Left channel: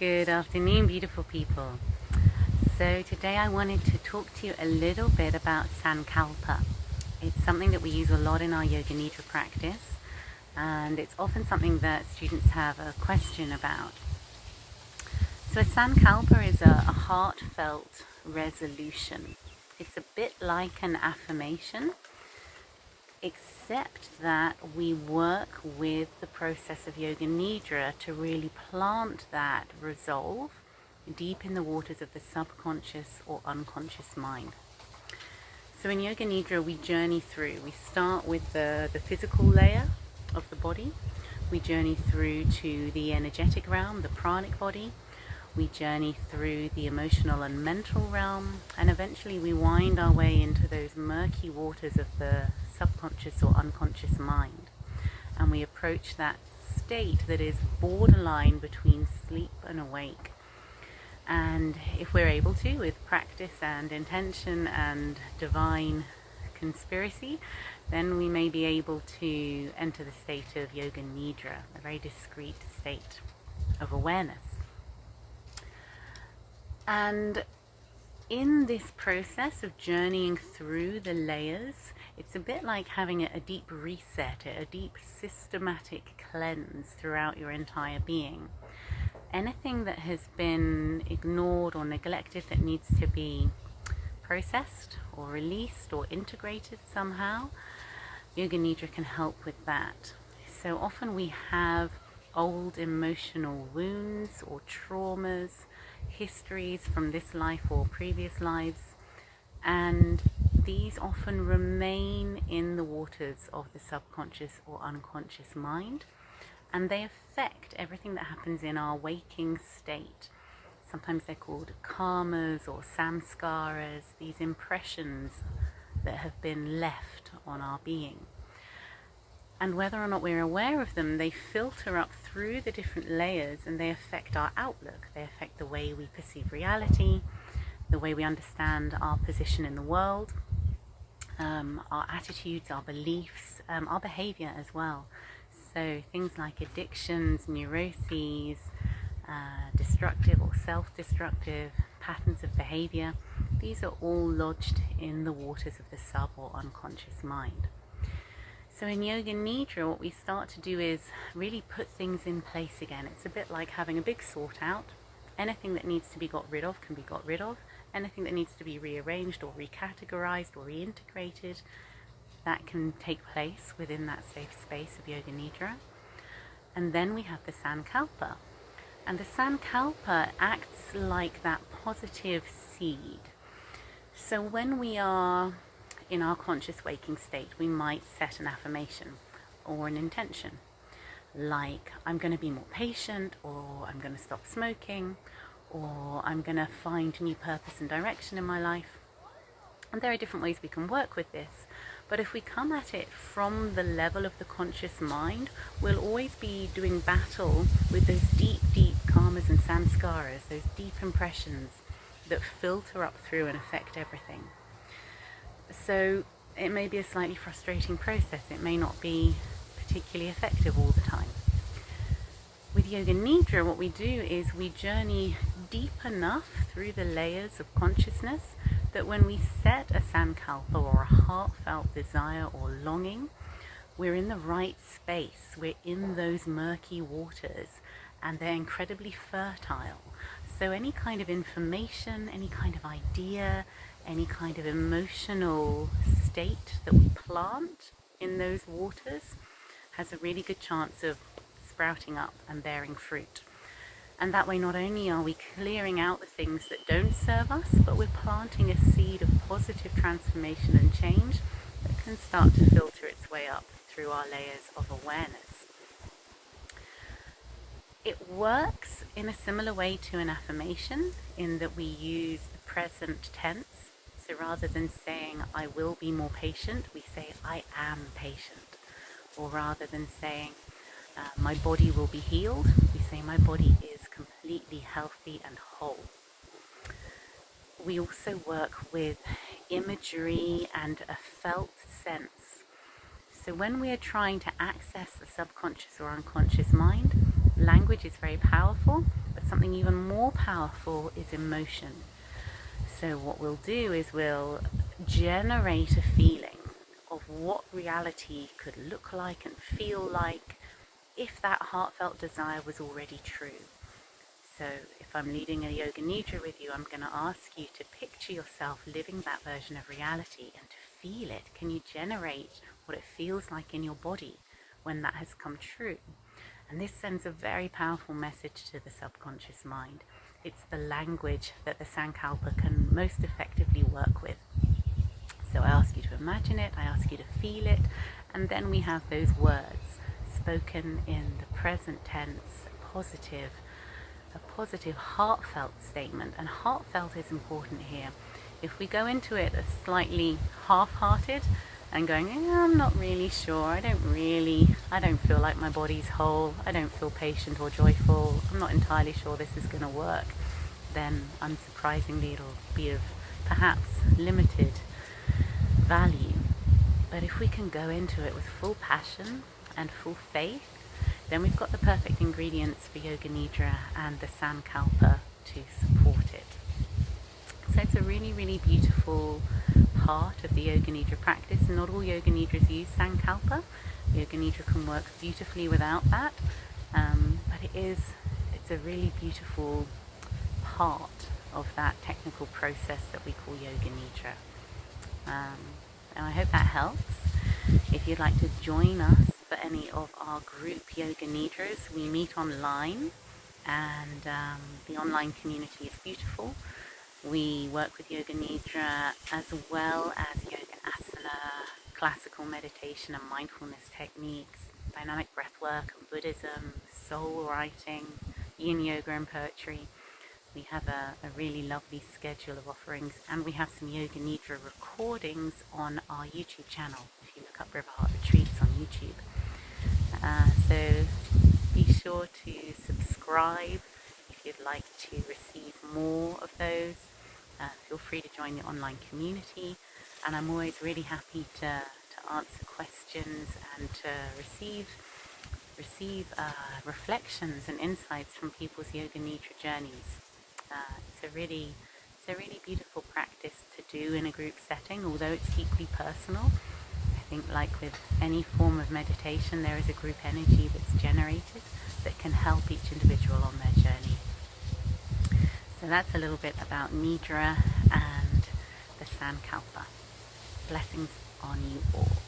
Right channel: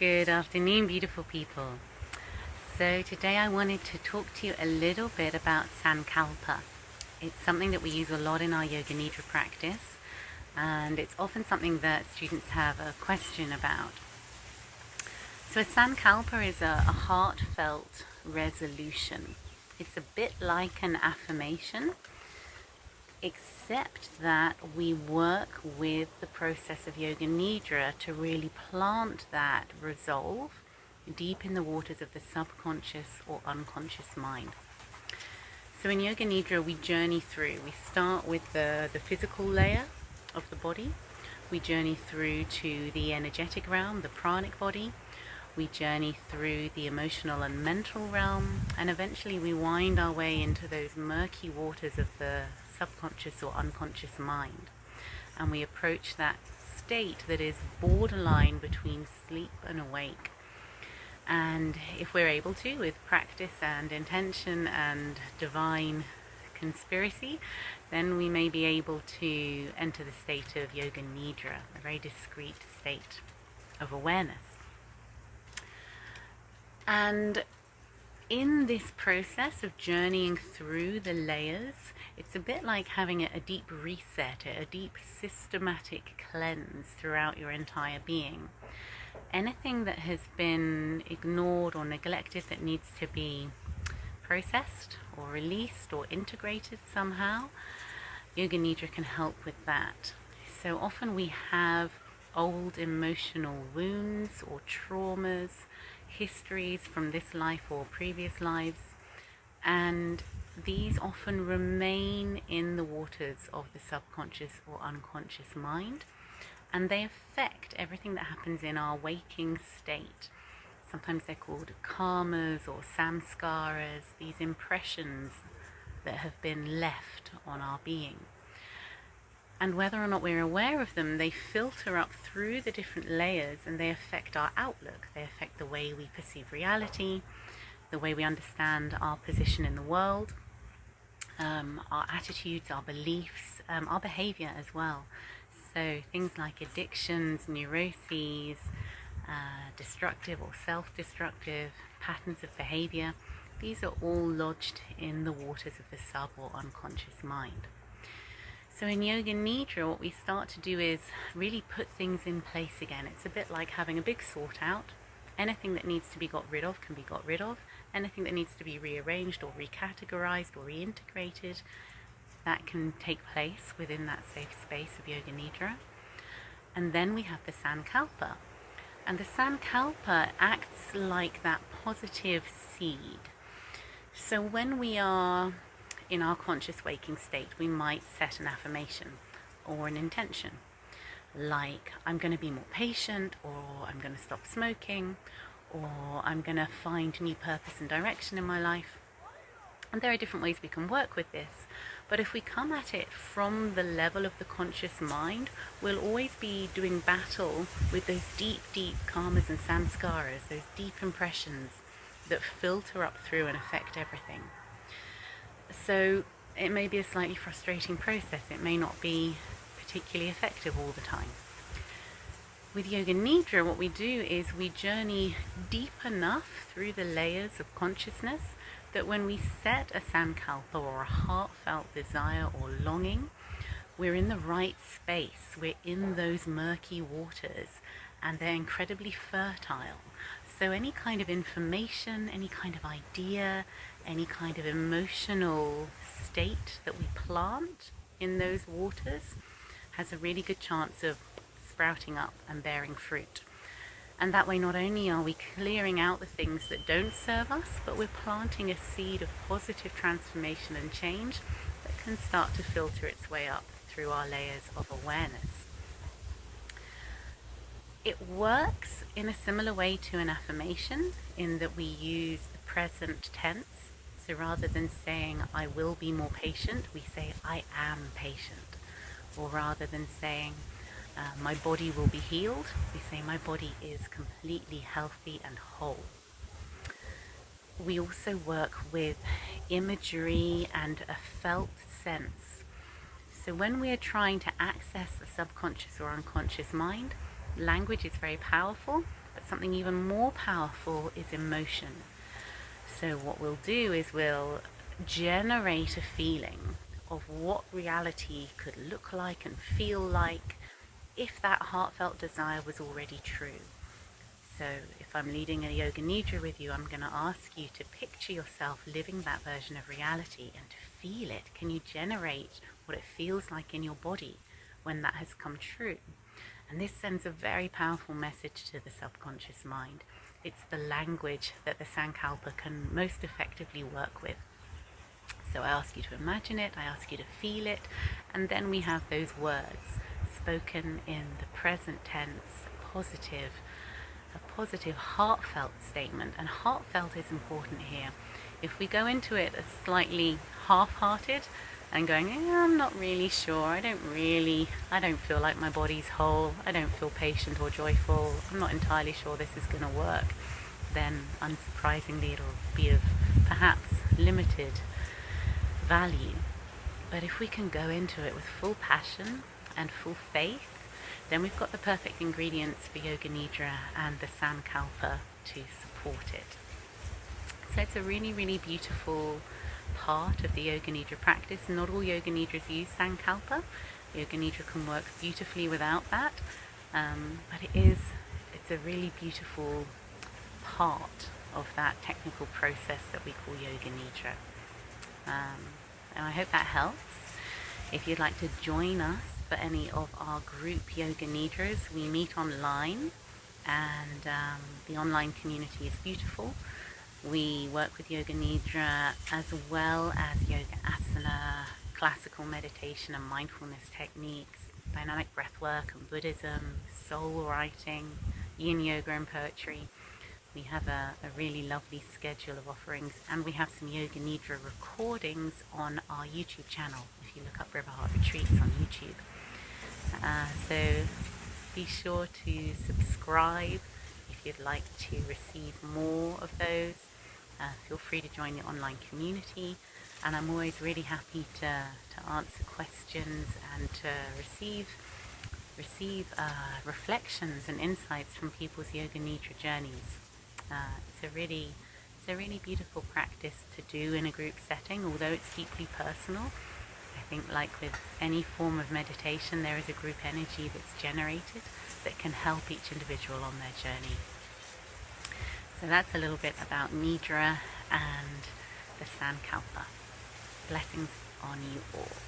Good afternoon, beautiful people. So today I wanted to talk to you a little bit about Sankalpa. It's something that we use a lot in our Yoga Nidra practice, and it's often something that students have a question about. So a Sankalpa is a heartfelt resolution. It's a bit like an affirmation, except that we work with the process of Yoga Nidra to really plant that resolve deep in the waters of the subconscious or unconscious mind. So in Yoga Nidra we journey through. We start with the physical layer of the body. We journey through to the energetic realm, the pranic body. We journey through the emotional and mental realm, and eventually we wind our way into those murky waters of the subconscious or unconscious mind. And we approach that state that is borderline between sleep and awake. And if we're able to, with practice and intention and divine conspiracy, then we may be able to enter the state of Yoga Nidra, a very discrete state of awareness. And in this process of journeying through the layers, it's a bit like having a deep reset, a deep systematic cleanse throughout your entire being. Anything that has been ignored or neglected that needs to be processed or released or integrated somehow, Yoga Nidra can help with that. So often we have old emotional wounds or traumas, histories from this life or previous lives, and these often remain in the waters of the subconscious or unconscious mind, and they affect everything that happens in our waking state. Sometimes they're called karmas or samskaras, these impressions that have been left on our being. And whether or not we're aware of them, they filter up through the different layers and they affect our outlook. They affect the way we perceive reality, the way we understand our position in the world, our attitudes, our beliefs, our behavior as well. So things like addictions, neuroses, destructive or self-destructive patterns of behavior, these are all lodged in the waters of the sub or unconscious mind. So in Yoga Nidra, what we start to do is really put things in place again. It's a bit like having a big sort out. Anything that needs to be got rid of can be got rid of. Anything that needs to be rearranged or recategorized or reintegrated, that can take place within that safe space of Yoga Nidra. And then we have the Sankalpa. And the Sankalpa acts like that positive seed. So when we are in our conscious waking state, we might set an affirmation or an intention, like I'm going to be more patient, or I'm going to stop smoking, or I'm going to find new purpose and direction in my life. And there are different ways we can work with this, but if we come at it from the level of the conscious mind, we'll always be doing battle with those deep karmas and samskaras, those deep impressions that filter up through and affect everything. So it may be a slightly frustrating process. It may not be particularly effective all the time. With Yoga Nidra, what we do is we journey deep enough through the layers of consciousness that when we set a Sankalpa or a heartfelt desire or longing, we're in the right space. We're in those murky waters, and they're incredibly fertile. So any kind of information, any kind of idea, any kind of emotional state that we plant in those waters has a really good chance of sprouting up and bearing fruit. And that way not only are we clearing out the things that don't serve us, but we're planting a seed of positive transformation and change that can start to filter its way up through our layers of awareness. It works in a similar way to an affirmation in that we use the present tense. So rather than saying, I will be more patient, we say, I am patient. Or rather than saying, my body will be healed, we say, my body is completely healthy and whole. We also work with imagery and a felt sense. So when we are trying to access the subconscious or unconscious mind, language is very powerful, but something even more powerful is emotion. So what we'll do is we'll generate a feeling of what reality could look like and feel like if that heartfelt desire was already true. So if I'm leading a Yoga Nidra with you, I'm going to ask you to picture yourself living that version of reality and to feel it. Can you generate what it feels like in your body when that has come true? And this sends a very powerful message to the subconscious mind. It's the language that the Sankalpa can most effectively work with. So I ask you to imagine it, I ask you to feel it, and then we have those words spoken in the present tense, a positive heartfelt statement. And heartfelt is important here. If we go into it as slightly half-hearted and going, I'm not really sure, I don't feel like my body's whole, I don't feel patient or joyful, I'm not entirely sure this is going to work, then unsurprisingly it'll be of perhaps limited value. But if we can go into it with full passion and full faith, then we've got the perfect ingredients for Yoga Nidra and the Sankalpa to support it. So it's a really, really beautiful part of the Yoga Nidra practice. Not all Yoga Nidras use Sankalpa. Yoga Nidra can work beautifully without that, but it's a really beautiful part of that technical process that we call Yoga Nidra. And I hope that helps. If you'd like to join us for any of our group Yoga Nidras, we meet online, and the online community is beautiful. We work with Yoga Nidra as well as Yoga Asana, classical meditation and mindfulness techniques, dynamic breath work and Buddhism, soul writing, yin yoga and poetry. We have a really lovely schedule of offerings, and we have some Yoga Nidra recordings on our YouTube channel if you look up Riverheart Retreats on YouTube. So be sure to subscribe if you'd like to receive more of those. Feel free to join the online community, and I'm always really happy to answer questions and to receive reflections and insights from people's Yoga Nidra journeys. It's a really beautiful practice to do in a group setting, although it's deeply personal. I think, like with any form of meditation, there is a group energy that's generated that can help each individual on their journey. So that's a little bit about Nidra and the Sankalpa. Blessings on you all.